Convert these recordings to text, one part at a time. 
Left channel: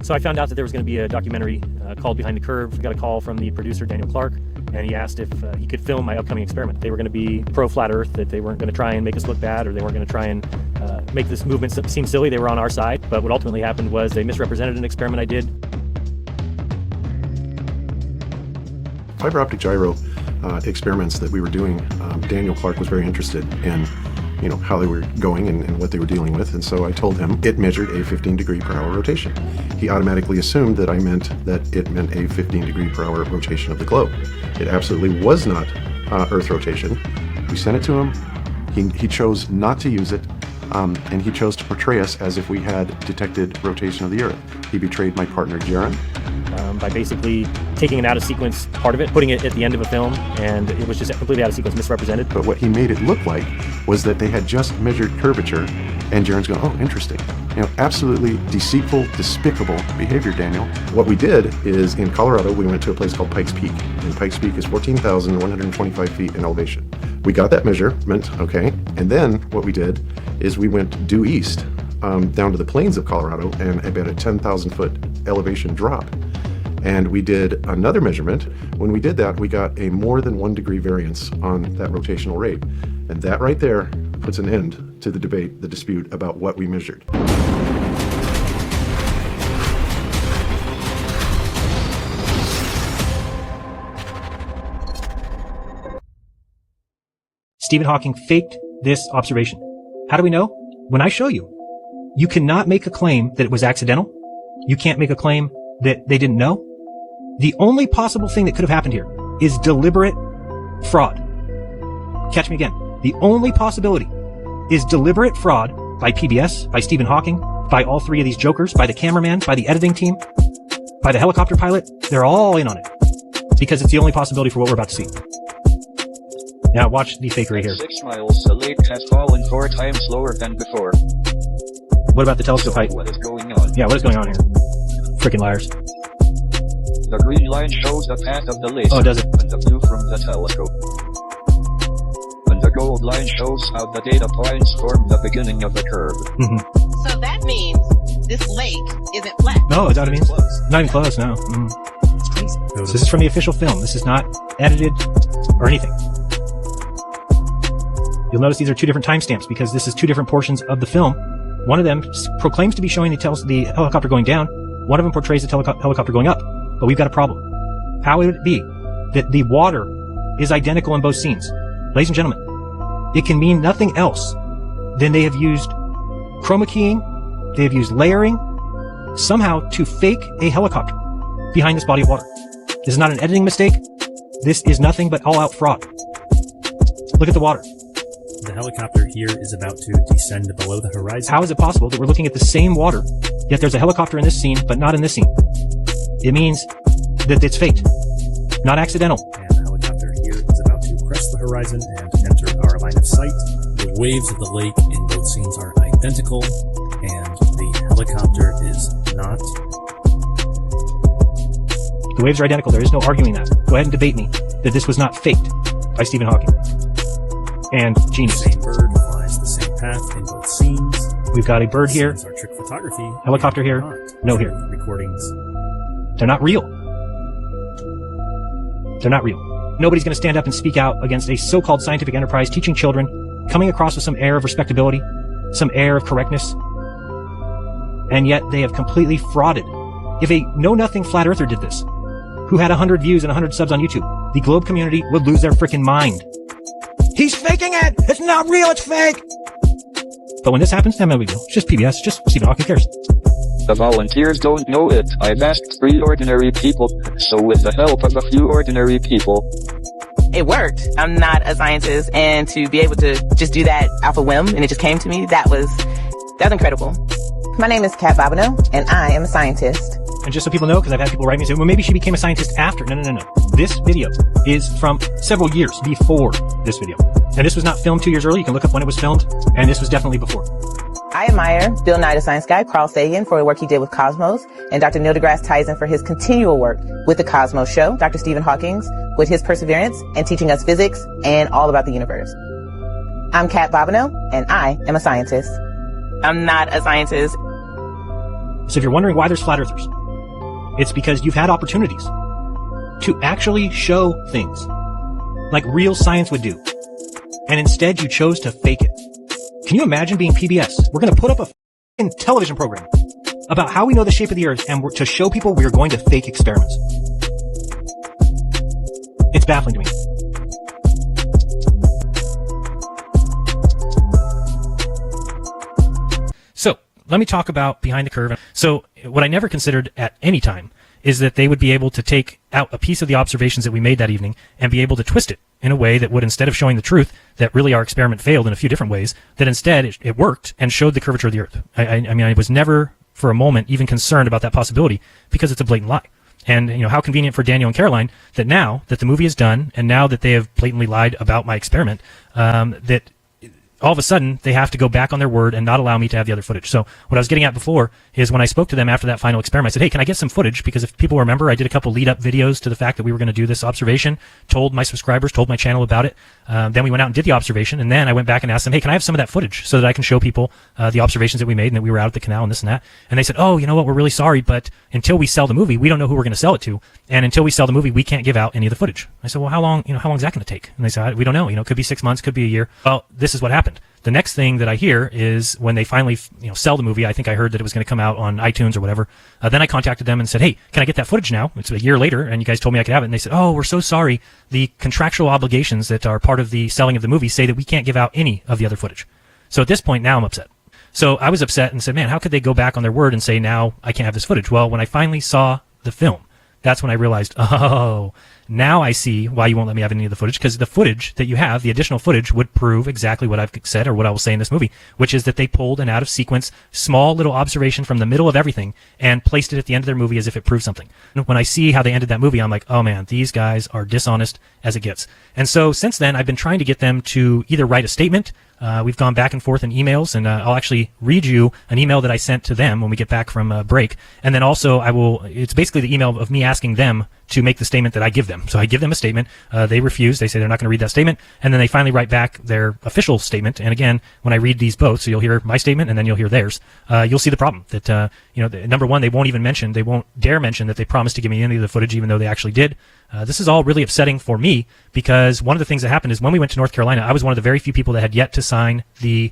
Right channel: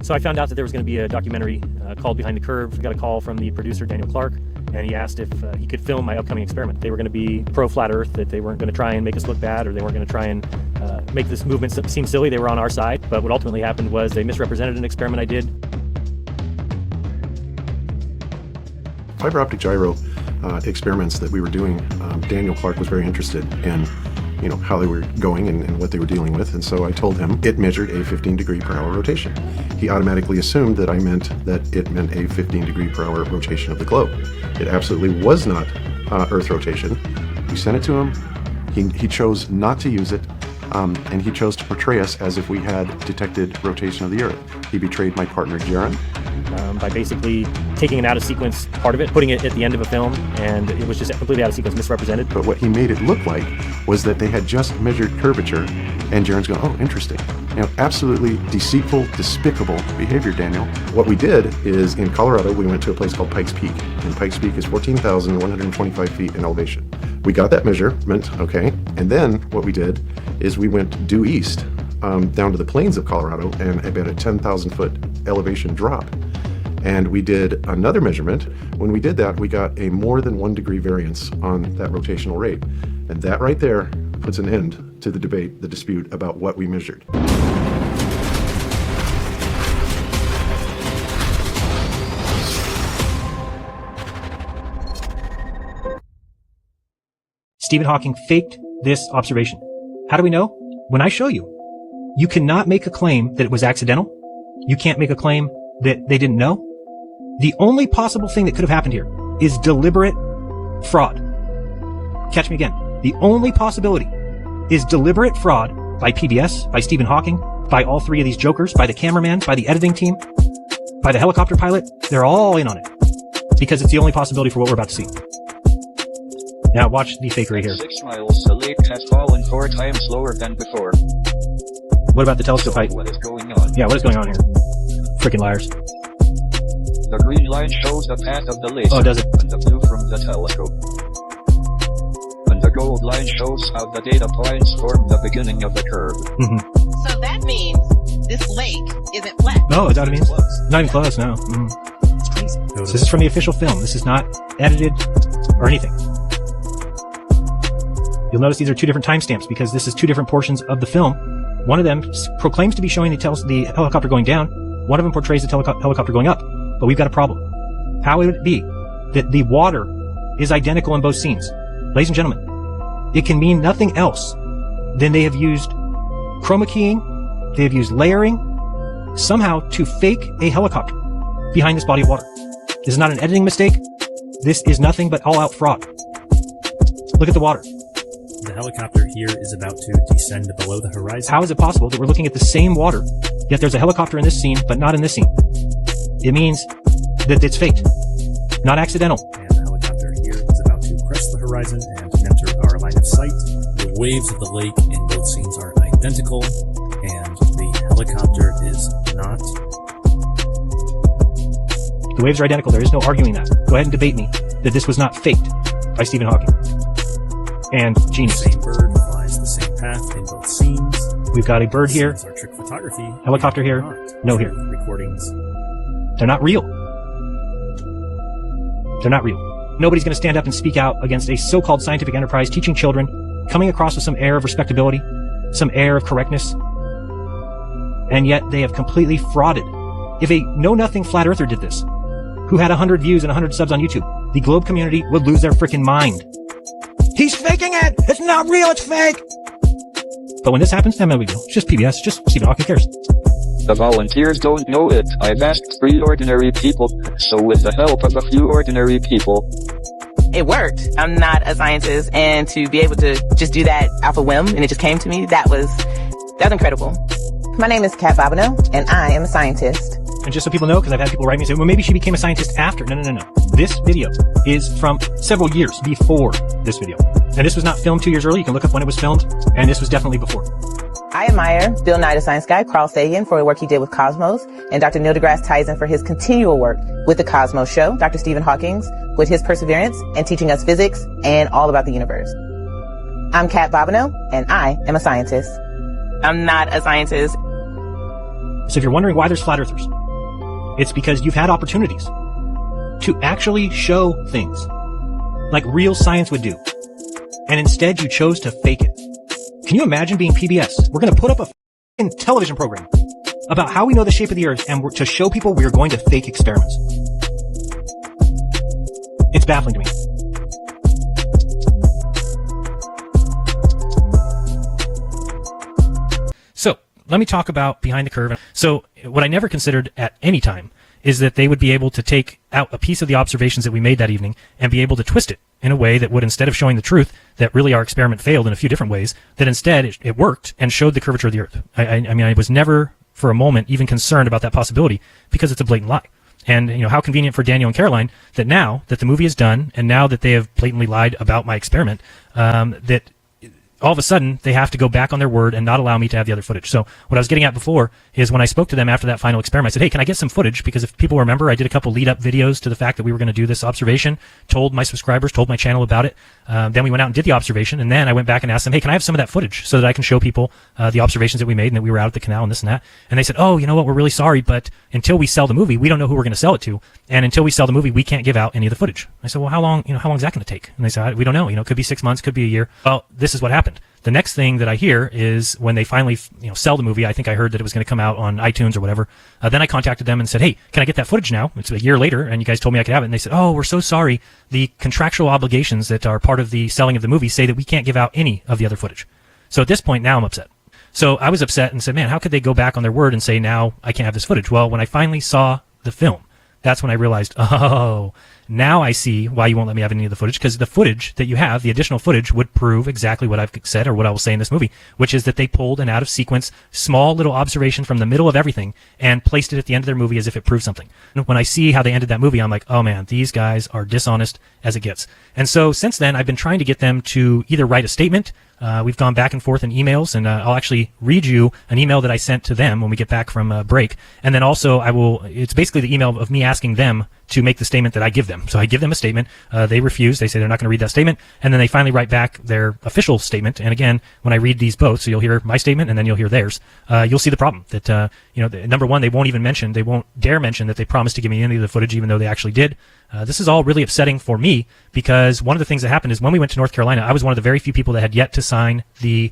So I found out that there was going to be a documentary called Behind the Curve. I got a call from the producer, Daniel Clark, and he asked if he could film my upcoming experiment. They were going to be pro-flat Earth, that they weren't going to try and make us look bad, or they weren't going to try and make this movement seem silly. They were on our side, but what ultimately happened was they misrepresented an experiment I did. Fiber optic gyro experiments that we were doing, Daniel Clark was very interested in how they were going and what they were dealing with, and so I told him it measured a 15 degree per hour rotation. He automatically assumed that I meant that it meant a 15 degree per hour rotation of the globe. It absolutely was not Earth rotation. We sent it to him. He chose not to use it, and he chose to portray us as if we had detected rotation of the Earth. He betrayed my partner, Jaron. By basically taking an out-of-sequence part of it, putting it at the end of a film, and it was just completely out-of-sequence, misrepresented. But what he made it look like was that they had just measured curvature, and Jaron's going, oh, interesting. Absolutely deceitful, despicable behavior, Daniel. What we did is, in Colorado, we went to a place called Pikes Peak, and Pikes Peak is 14,125 feet in elevation. We got that measurement, okay, and then what we did is we went due east, down to the plains of Colorado, and about a 10,000 foot elevation drop. And we did another measurement. When we did that, we got a more than 1 degree variance on that rotational rate. And that right there puts an end to the debate, the dispute about what we measured. Stephen Hawking faked this observation. How do we know? When I show you. You cannot make a claim that it was accidental. You can't make a claim that they didn't know. The only possible thing that could have happened here is deliberate fraud. Catch me again. The only possibility is deliberate fraud by PBS, by Stephen Hawking, by all three of these jokers, by the cameraman, by the editing team, by the helicopter pilot. They're all in on it because it's the only possibility for what we're about to see. Now watch the fakery here. 6 miles, the lake has fallen 4 times slower than before. What about the telescope height? What is going on? Yeah, what is going on here? Freaking liars. The green line shows the path of the laser, Oh, does it? and the blue from the telescope. And the gold line shows how the data points form the beginning of the curve. So that means this lake isn't flat. No, is that what it means? Not even close, no. So this is from the official film. This is not edited or anything. You'll notice these are 2 different timestamps because this is 2 different portions of the film. One of them claims to be showing the helicopter going down. One of them portrays the helicopter going up. But we've got a problem. How would it be that the water is identical in both scenes? Ladies and gentlemen, it can mean nothing else than they have used chroma keying, they have used layering, somehow to fake a helicopter behind this body of water. This is not an editing mistake. This is nothing but all-out fraud. Look at the water. The helicopter here is about to descend below the horizon. How is it possible that we're looking at the same water, yet there's a helicopter in this scene, but not in this scene? It means that it's faked, not accidental. And the helicopter here is about to crest the horizon and enter our line of sight. The waves of the lake in both scenes are identical, and the helicopter is not. The waves are identical. There is no arguing that. Go ahead and debate me that this was not faked by Stephen Hawking. And genius. The same bird flies the same path in both scenes. We've got a bird here, These are trick photography. helicopter here, no here. Recordings. They're not real. They're not real. Nobody's going to stand up and speak out against a so-called scientific enterprise teaching children, coming across with some air of respectability, some air of correctness, and yet they have completely frauded. If a know-nothing flat earther did this, who had 100 views and 100 subs on YouTube, the globe community would lose their freaking mind. He's faking it! It's not real, it's fake! But when this happens, then we go. It's just PBS, just Stephen Hawking cares. The volunteers don't know it. I've asked 3 ordinary people, so with the help of a few ordinary people. It worked. I'm not a scientist, and to be able to just do that off a whim, and it just came to me, that was incredible. My name is Kat Bobineau, and I am a scientist. And just so people know, because I've had people write me and say, well, maybe she became a scientist after. No. This video is from several years before this video. And this was not filmed 2 years early. You can look up when it was filmed. And this was definitely before. I admire Bill Nye the Science Guy, Carl Sagan, for the work he did with Cosmos, and Dr. Neil deGrasse Tyson for his continual work with the Cosmos Show, Dr. Stephen Hawking with his perseverance and teaching us physics and all about the universe. I'm Kat Bobineau, and I am a scientist. I'm not a scientist. So if you're wondering why there's flat earthers, it's because you've had opportunities to actually show things like real science would do. And instead you chose to fake it. Can you imagine being PBS? We're going to put up a f***ing television program about how we know the shape of the earth, and to show people we're going to fake experiments. It's baffling to me. So, let me talk about behind the curve. So, what I never considered at any time is that they would be able to take out a piece of the observations that we made that evening and be able to twist it in a way that would, instead of showing the truth, that really our experiment failed in a few different ways, that instead it worked and showed the curvature of the earth. I mean, I was never for a moment even concerned about that possibility because it's a blatant lie. And, how convenient for Daniel and Caroline that now that the movie is done and now that they have blatantly lied about my experiment, that all of a sudden they have to go back on their word and not allow me to have the other footage. So what I was getting at before is when I spoke to them after that final experiment, I said, hey, can I get some footage? Because if people remember, I did a couple lead-up videos to the fact that we were going to do this observation, told my subscribers, told my channel about it. Then we went out and did the observation, and then I went back and asked them, hey, can I have some of that footage so that I can show people the observations that we made and that we were out at the canal and this and that? And they said, oh, you know what, we're really sorry, but until we sell the movie, we don't know who we're going to sell it to. And until we sell the movie, we can't give out any of the footage. I said, well, how long is that going to take? And they said, we don't know. It could be 6 months, could be a year. Well, this is what happened. The next thing that I hear is when they finally, sell the movie. I think I heard that it was going to come out on iTunes or whatever. Then I contacted them and said, hey, can I get that footage now? It's a year later, and you guys told me I could have it. And they said, oh, we're so sorry. The contractual obligations that are part of the selling of the movie say that we can't give out any of the other footage. So at this point, now I'm upset. So I was upset and said, man, how could they go back on their word and say now I can't have this footage? Well, when I finally saw the film, that's when I realized, oh, now I see why you won't let me have any of the footage, because the footage that you have, the additional footage, would prove exactly what I've said or what I will say in this movie, which is that they pulled an out-of-sequence, small little observation from the middle of everything and placed it at the end of their movie as if it proved something. When I see how they ended that movie, I'm like, oh man, these guys are dishonest as it gets. And so since then, I've been trying to get them to either write a statement. We've gone back and forth in emails, and I'll actually read you an email that I sent to them when we get back from break. And then also it's basically the email of me asking them to make the statement that I give them. So I give them a statement. They refuse. They say they're not going to read that statement. And then they finally write back their official statement. And again, when I read these both, so you'll hear my statement and then you'll hear theirs, you'll see the problem. That, number one, they won't dare mention that they promised to give me any of the footage, even though they actually did. This is all really upsetting for me because one of the things that happened is when we went to North Carolina, I was one of the very few people that had yet to sign the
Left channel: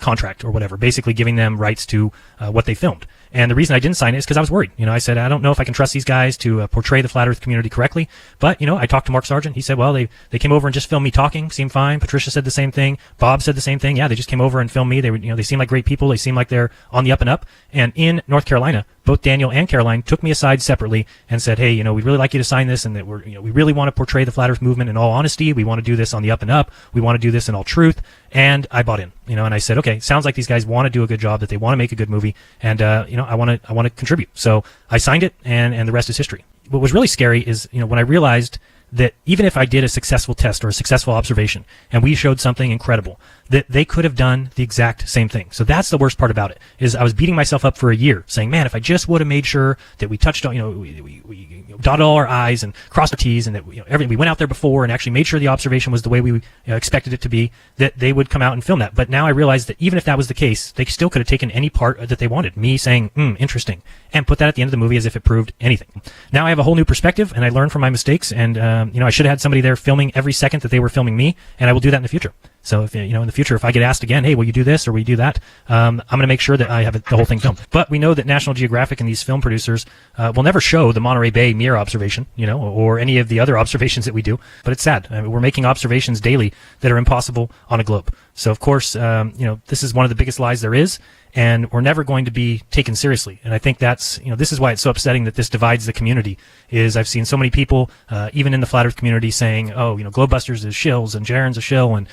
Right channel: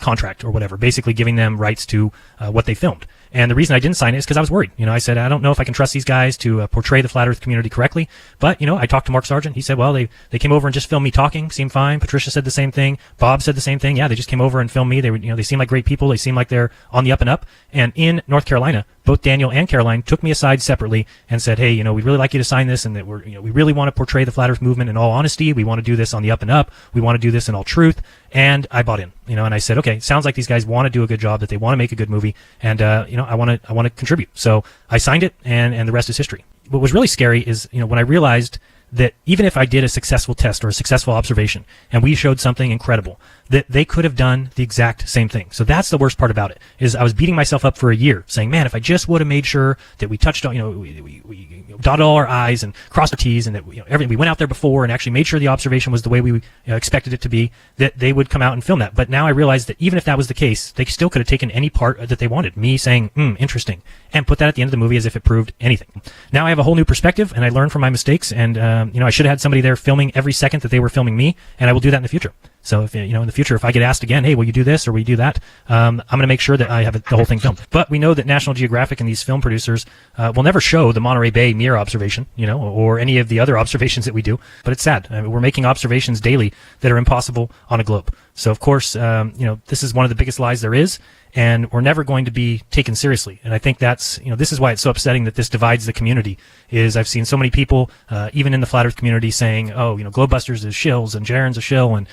contract or whatever, basically giving them rights to what they filmed. And the reason I didn't sign it is because I was worried. I said, I don't know if I can trust these guys to portray the flat earth community correctly. But, I talked to Mark Sargent. He said, well, they came over and just filmed me talking. Seemed fine. Patricia said the same thing. Bob said the same thing. Yeah, they just came over and filmed me. They seem like great people. They seem like they're on the up and up. And in North Carolina, both Daniel and Caroline took me aside separately and said, hey, we'd really like you to sign this, and that we really want to portray the flat earth movement in all honesty. We want to do this on the up and up. We want to do this in all truth. And I bought in, and I said, okay, sounds like these guys want to do a good job, that they want to make a good movie. And, I want to contribute. So I signed it, and the rest is history. What was really scary is, when I realized that even if I did a successful test or a successful observation and we showed something incredible, that they could have done the exact same thing. So that's the worst part about it, is I was beating myself up for a year saying, man, if I just would have made sure that we touched on, we dotted all our I's and crossed our T's, and that, everything, we went out there before and actually made sure the observation was the way we expected it to be, that they would come out and film that. But now I realized that even if that was the case, they still could have taken any part that they wanted, me saying, interesting, and put that at the end of the movie as if it proved anything. Now I have a whole new perspective, and I learned from my mistakes, and, I should have had somebody there filming every second that they were filming me, and I will do that in the future. So if in the future, if I get asked again, hey, will you do this or will you do that? I'm going to make sure that I have the whole thing filmed. But we know that National Geographic and these film producers will never show the Monterey Bay mirror observation, or any of the other observations that we do. But it's sad. I mean, we're making observations daily that are impossible on a globe. So of course, this is one of the biggest lies there is. And we're never going to be taken seriously. And I think that's, this is why it's so upsetting that this divides the community, is I've seen so many people, even in the flat earth community, saying, oh, Globebusters is shills and Jaren's a shill, and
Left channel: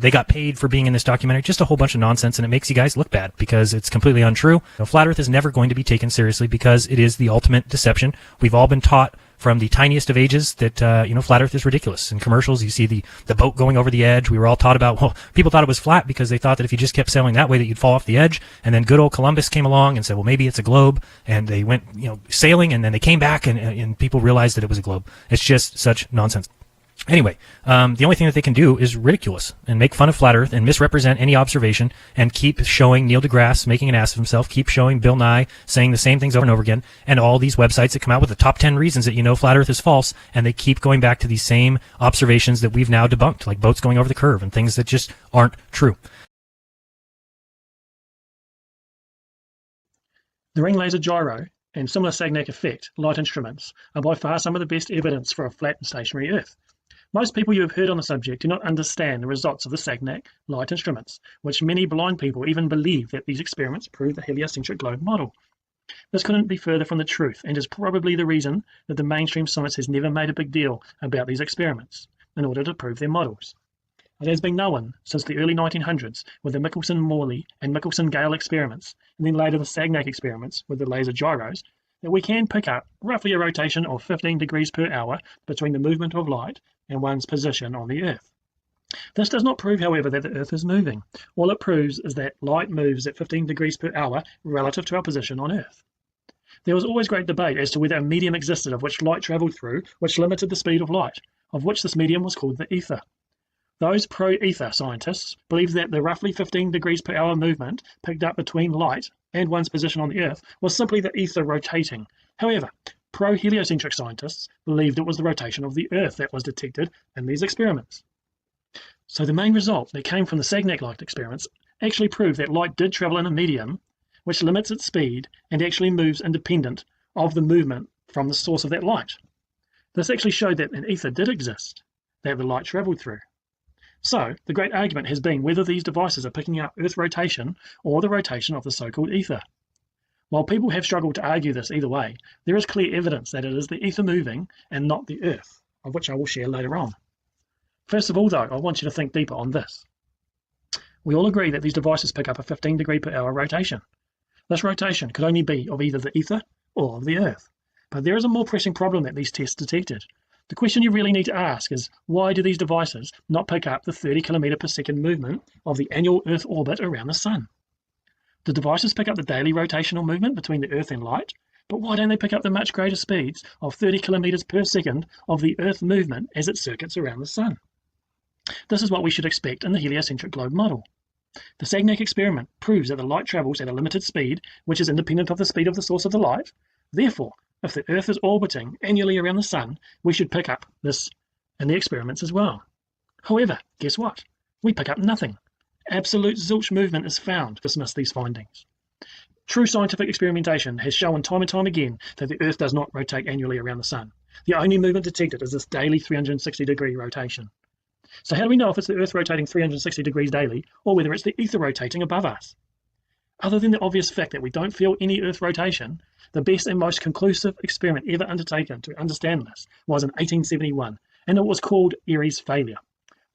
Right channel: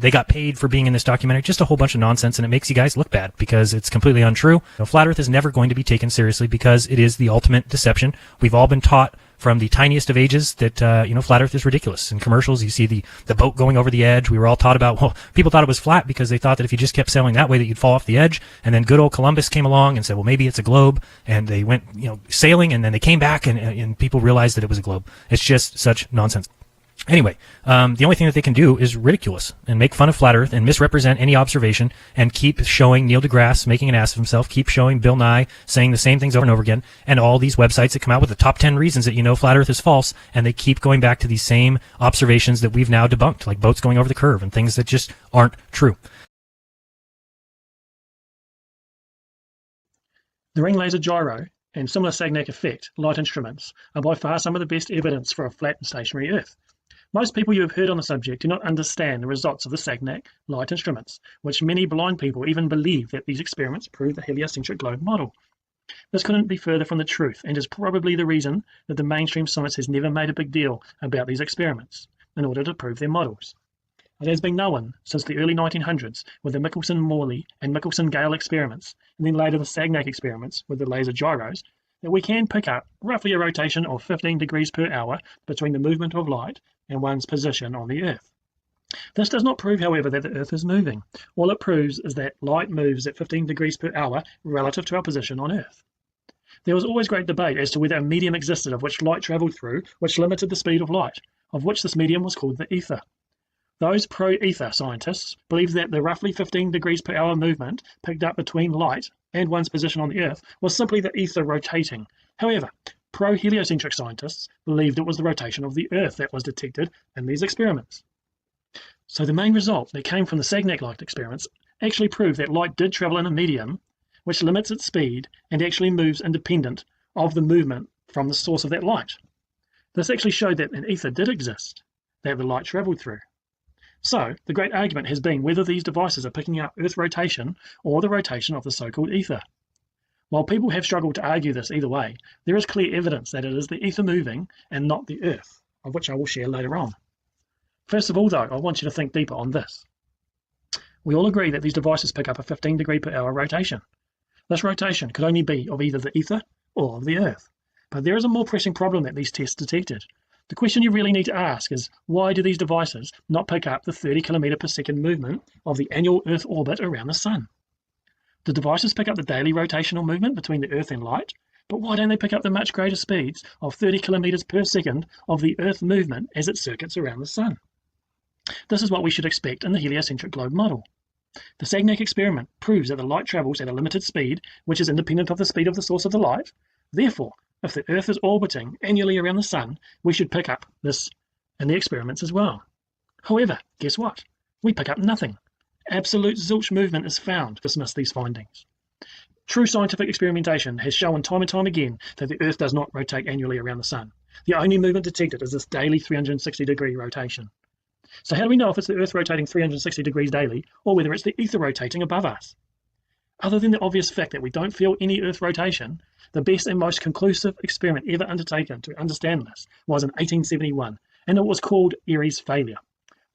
they got paid for being in this documentary. Just a whole bunch of nonsense, and it makes you guys look bad because it's completely untrue. Flat earth is never going to be taken seriously because it is the ultimate deception. We've all been taught from the tiniest of ages that, flat earth is ridiculous. In commercials, you see the boat going over the edge. We were all taught about, people thought it was flat because they thought that if you just kept sailing that way that you'd fall off the edge. And then good old Columbus came along and said, well, maybe it's a globe. And they went, sailing, and then they came back and people realized that it was a globe. It's just such nonsense. Anyway, the only thing that they can do is ridicule us and make fun of flat Earth and misrepresent any observation and keep showing Neil deGrasse making an ass of himself, keep showing Bill Nye saying the same things over and over again, and all these websites that come out with the top 10 reasons that you know flat Earth is false, and they keep going back to these same observations that we've now debunked, like boats going over the curve and things that just aren't true. The ring laser gyro and similar Sagnac effect light instruments are by far some of the best evidence for a flat and stationary Earth. Most people you have heard on the subject do not understand the results of the Sagnac light instruments, which many blind people even believe that these experiments prove the heliocentric globe model. This couldn't be further from the truth, and is probably the reason that the mainstream science has never made a big deal about these experiments in order to prove their models. It has been known since the early 1900s with the Michelson-Morley and Michelson-Gale experiments, and then later the Sagnac experiments with the laser gyros, that we can pick up roughly a rotation of 15 degrees per hour between the movement of light and one's position on the Earth. This does not prove, however, that the Earth is moving. All it proves is that light moves at 15 degrees per hour relative to our position on Earth. There was always great debate as to whether a medium existed of which light travelled through, which limited the speed of light, of which this medium was called the ether. Those pro-ether scientists believed that the roughly 15 degrees per hour movement picked up between light and one's position on the Earth was simply the ether rotating. However, pro-heliocentric scientists believed it was the rotation of the Earth that was detected in these experiments. So the main result that came from the Sagnac light experiments actually proved that light did travel in a medium which limits its speed and actually moves independent of the movement from the source of that light. This actually showed that an ether did exist that the light traveled through. So the great argument has been whether these devices are picking up Earth rotation or the rotation of the so-called ether. While people have struggled to argue this either way, there is clear evidence that it is the ether moving and not the Earth, of which I will share later on. First of all, though, I want you to think deeper on this. We all agree that these devices pick up a 15 degree per hour rotation. This rotation could only be of either the ether or of the Earth. But there is a more pressing problem that these tests detected. The question you really need to ask is, why do these devices not pick up the 30 km per second movement of the annual Earth orbit around the Sun? The devices pick up the daily rotational movement between the Earth and light, but why don't they pick up the much greater speeds of 30 km per second of the Earth movement as it circuits around the Sun? This is what we should expect in the heliocentric globe model. The Sagnac experiment proves that the light travels at a limited speed, which is independent of the speed of the source of the light. Therefore, if the Earth is orbiting annually around the Sun, we should pick up this in the experiments as well. However, guess what? We pick up nothing. Absolute zilch movement is found to dismiss these findings. True scientific experimentation has shown time and time again that the Earth does not rotate annually around the Sun. The only movement detected is this daily 360-degree rotation. So how do we know if it's the Earth rotating 360 degrees daily or whether it's the ether rotating above us? Other than the obvious fact that we don't feel any Earth rotation, the best and most conclusive experiment ever undertaken to understand this was in 1871, and it was called Airy's failure.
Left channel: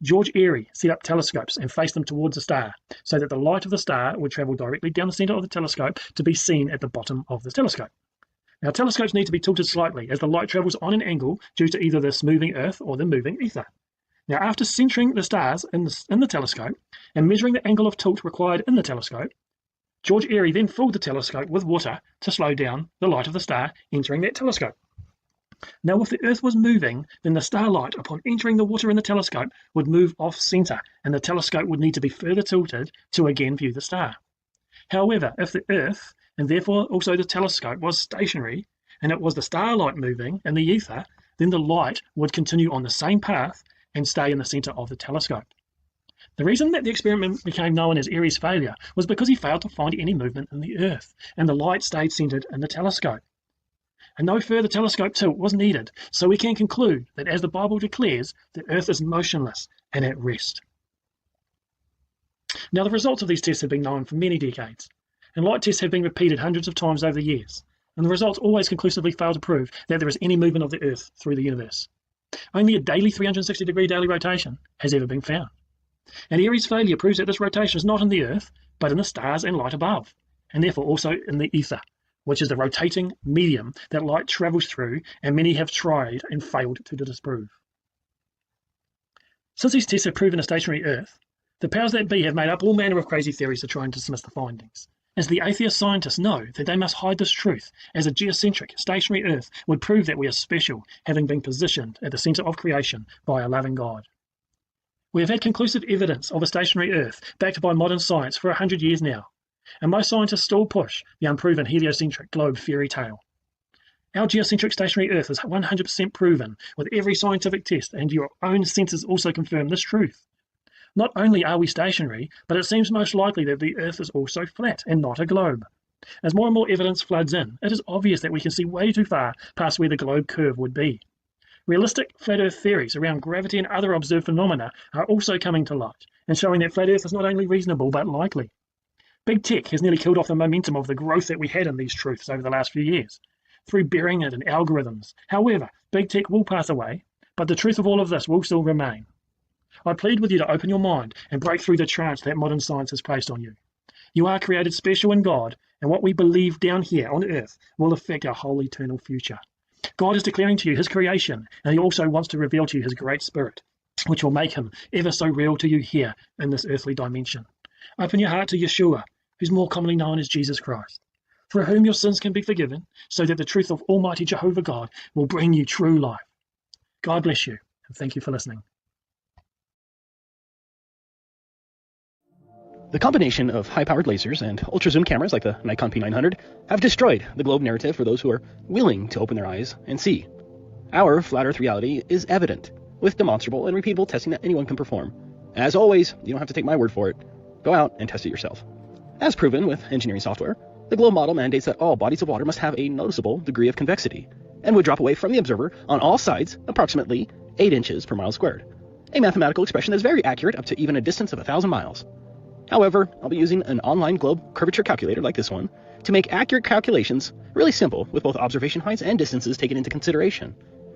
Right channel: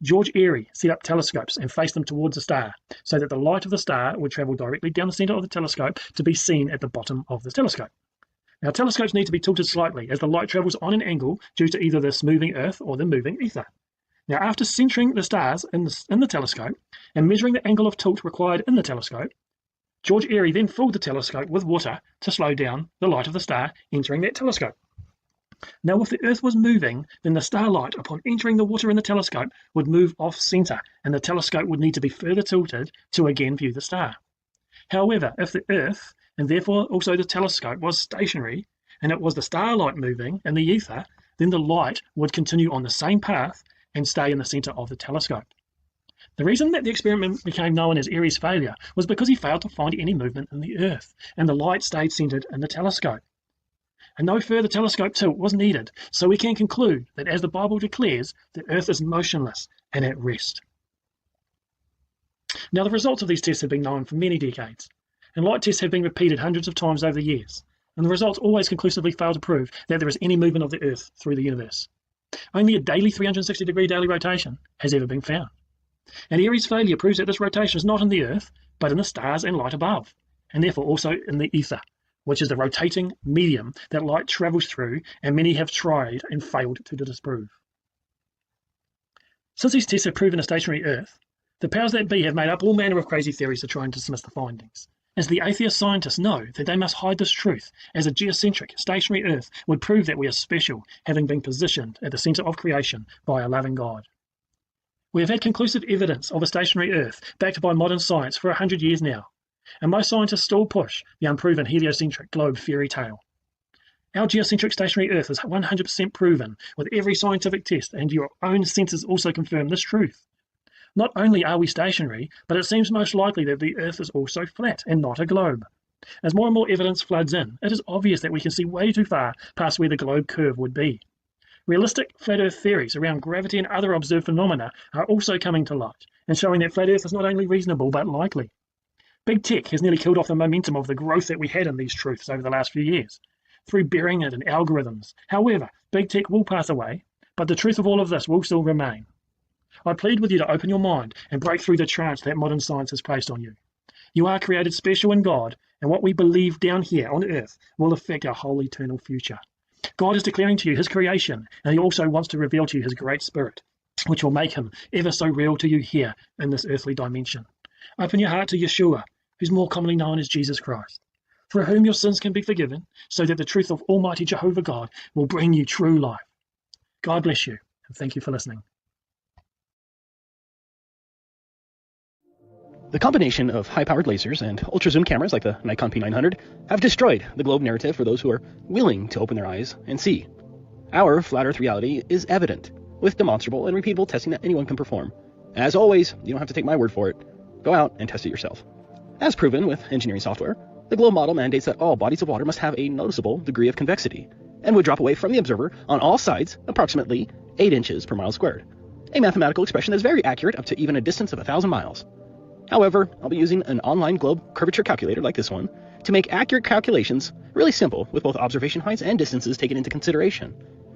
George Airy set up telescopes and faced them towards a star so that the light of the star would travel directly down the center of the telescope to be seen at the bottom of the telescope. Now, telescopes need to be tilted slightly as the light travels on an angle due to either this moving Earth or the moving ether. Now, after centering the stars in the telescope and measuring the angle of tilt required in the telescope, George Airy then filled the telescope with water to slow down the light of the star entering that telescope. Now, if the Earth was moving, then the starlight, upon entering the water in the telescope, would move off-center, and the telescope would need to be further tilted to again view the star. However, if the Earth, and therefore also the telescope, was stationary, and it was the starlight moving in the ether, then the light would continue on the same path and stay in the center of the telescope. The reason that the experiment became known as Airy's failure was because he failed to find any movement in the Earth, and the light stayed centered in the telescope. And no further telescope tilt was needed, so we can conclude that, as the Bible declares, the Earth is motionless and at rest. Now, the results of these tests have been known for many decades, and light tests have been repeated hundreds of times over the years, and the results always conclusively fail to prove that there is any movement of the Earth through the universe. Only a daily 360-degree daily rotation has ever been found. And Airy's failure proves that this rotation is not in the Earth, but in the stars and light above, and therefore also in the ether, which is the rotating medium that light travels through, and many have tried and failed to disprove. Since these tests have proven a stationary Earth, the powers that be have made up all manner of crazy theories to try and dismiss the findings. as the atheist scientists know that they must hide this truth, as a geocentric, stationary Earth would prove that we are special, having been positioned at the centre of creation by a loving God. We have had conclusive evidence of a stationary Earth, backed by modern science, for 100 years now, and most scientists still push the unproven heliocentric globe fairy tale. Our geocentric stationary Earth is 100% proven with every scientific test, and your own senses also confirm this truth. Not only are we stationary, but it seems most likely that the Earth is also flat and not a globe. As more and more evidence floods in, it is obvious that we can see way too far past where the globe curve would be. Realistic flat Earth theories around gravity and other observed phenomena are also coming to light, and showing that flat Earth is not only reasonable but likely. Big tech has nearly killed off the momentum of the growth that we had in these truths over the last few years, through burying it in algorithms. However, big tech will pass away, but the truth of all of this will still remain. I plead with you to open your mind and break through the trance that modern science has placed on you. You are created special in God, and what we believe down here on earth will affect our whole eternal future. God is declaring to you his creation, and he also wants to reveal to you his great spirit, which will make him ever so real to you here in this earthly dimension. Open your heart to Yeshua, who's more commonly known as Jesus Christ, for whom your sins can be forgiven, so that the truth of Almighty Jehovah God will bring you true life. God bless you, and thank you for listening. The combination of high-powered lasers and ultra-zoom cameras like the Nikon P900 have destroyed the globe narrative for those who are willing to open their eyes and see. Our flat Earth reality is evident, with demonstrable and repeatable testing that anyone can perform. As always, you don't have to take my word for it. Go out and test it yourself. As proven with engineering software, the globe model mandates that all bodies of water must have a noticeable degree of convexity, and would drop away from the observer on all sides approximately 8 inches per mile squared, a mathematical expression that's very accurate up to even a distance of 1,000 miles. However, I'll be using an online globe curvature calculator like this one to make accurate calculations really simple with both observation heights and distances taken into consideration.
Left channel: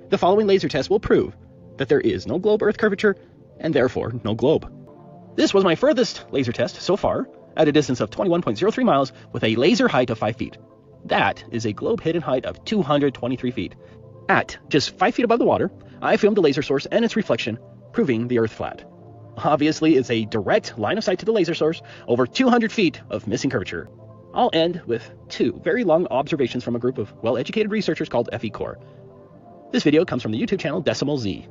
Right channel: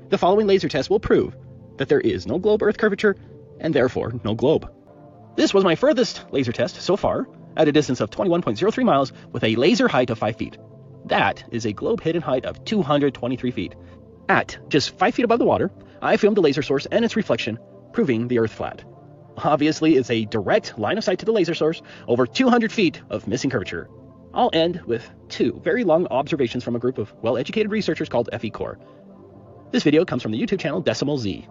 The following laser test will prove that there is no globe Earth curvature and therefore no globe. This was my furthest laser test so far at a distance of 21.03 miles with a laser height of 5 feet. That is a globe hidden height of 223 feet. At just 5 feet above the water, I filmed the laser source and its reflection, proving the Earth flat. Obviously, it's a direct line of sight to the laser source, over 200 feet of missing curvature. I'll end with 2 very long observations from a group of well-educated researchers called FE-Core. This video comes from the YouTube channel Decimal Z.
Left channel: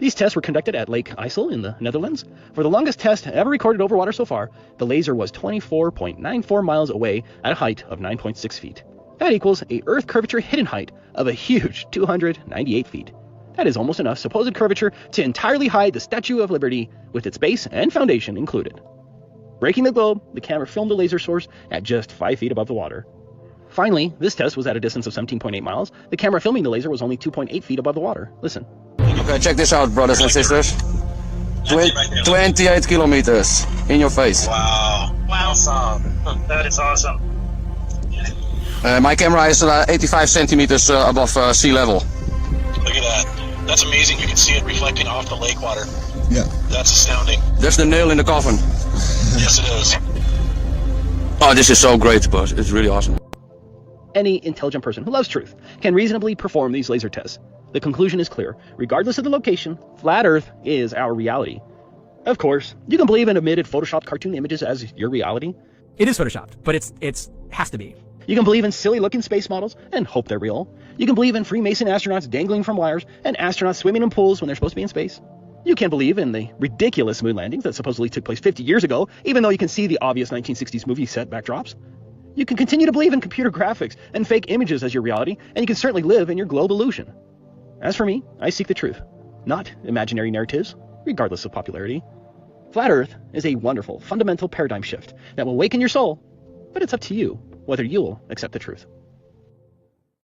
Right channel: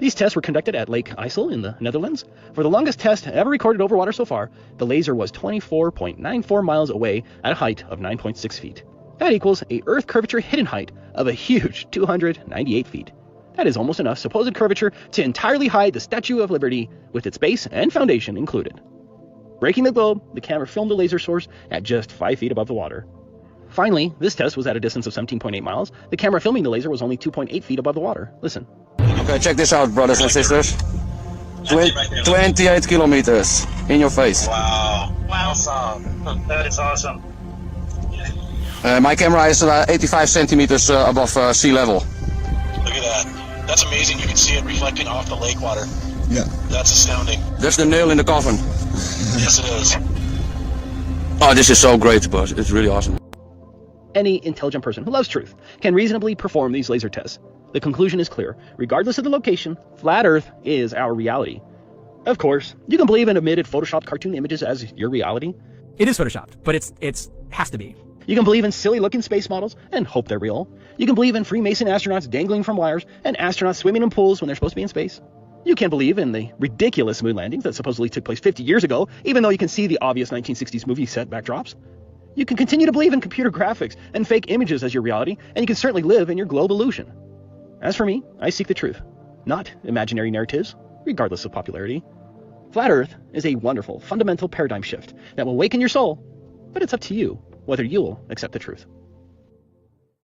These tests were conducted at Lake IJssel in the Netherlands. For the longest test ever recorded over water so far, the laser was 24.94 miles away at a height of 9.6 feet. That equals a Earth curvature hidden height of a huge 298 feet. That is almost enough supposed curvature to entirely hide the Statue of Liberty with its base and foundation included. Breaking the globe, the camera filmed the laser source at just 5 feet above the water. Finally, this test was at a distance of 17.8 miles. The camera filming the laser was only 2.8 feet above the water. Listen. Okay, check this out, brothers and sisters. 28 kilometers in your face. Wow. Awesome. That is awesome. My camera is 85 centimeters above sea level. Look at that. That's amazing. You can see it reflecting off the lake water. Yeah. That's astounding. That's the nail in the coffin. Yes, it is. Oh, this is so great, but it's really awesome. Any intelligent person who loves truth can reasonably perform these laser tests. The conclusion is clear. Regardless of the location, flat Earth is our reality. Of course, you can believe in omitted photoshopped cartoon images as your reality. It is photoshopped, but it's has to be. You can believe in silly-looking space models and hope they're real. You can believe in Freemason astronauts dangling from wires and astronauts swimming in pools when they're supposed to be in space. You can believe in the ridiculous moon landings that supposedly took place 50 years ago, even though you can see the obvious 1960s movie set backdrops. You can continue to believe in computer graphics and fake images as your reality, and you can certainly live in your globe illusion. As for me, I seek the truth, not imaginary narratives, regardless of popularity. Flat Earth is a wonderful, fundamental paradigm shift that will awaken your soul, but it's up to you whether you'll accept the truth.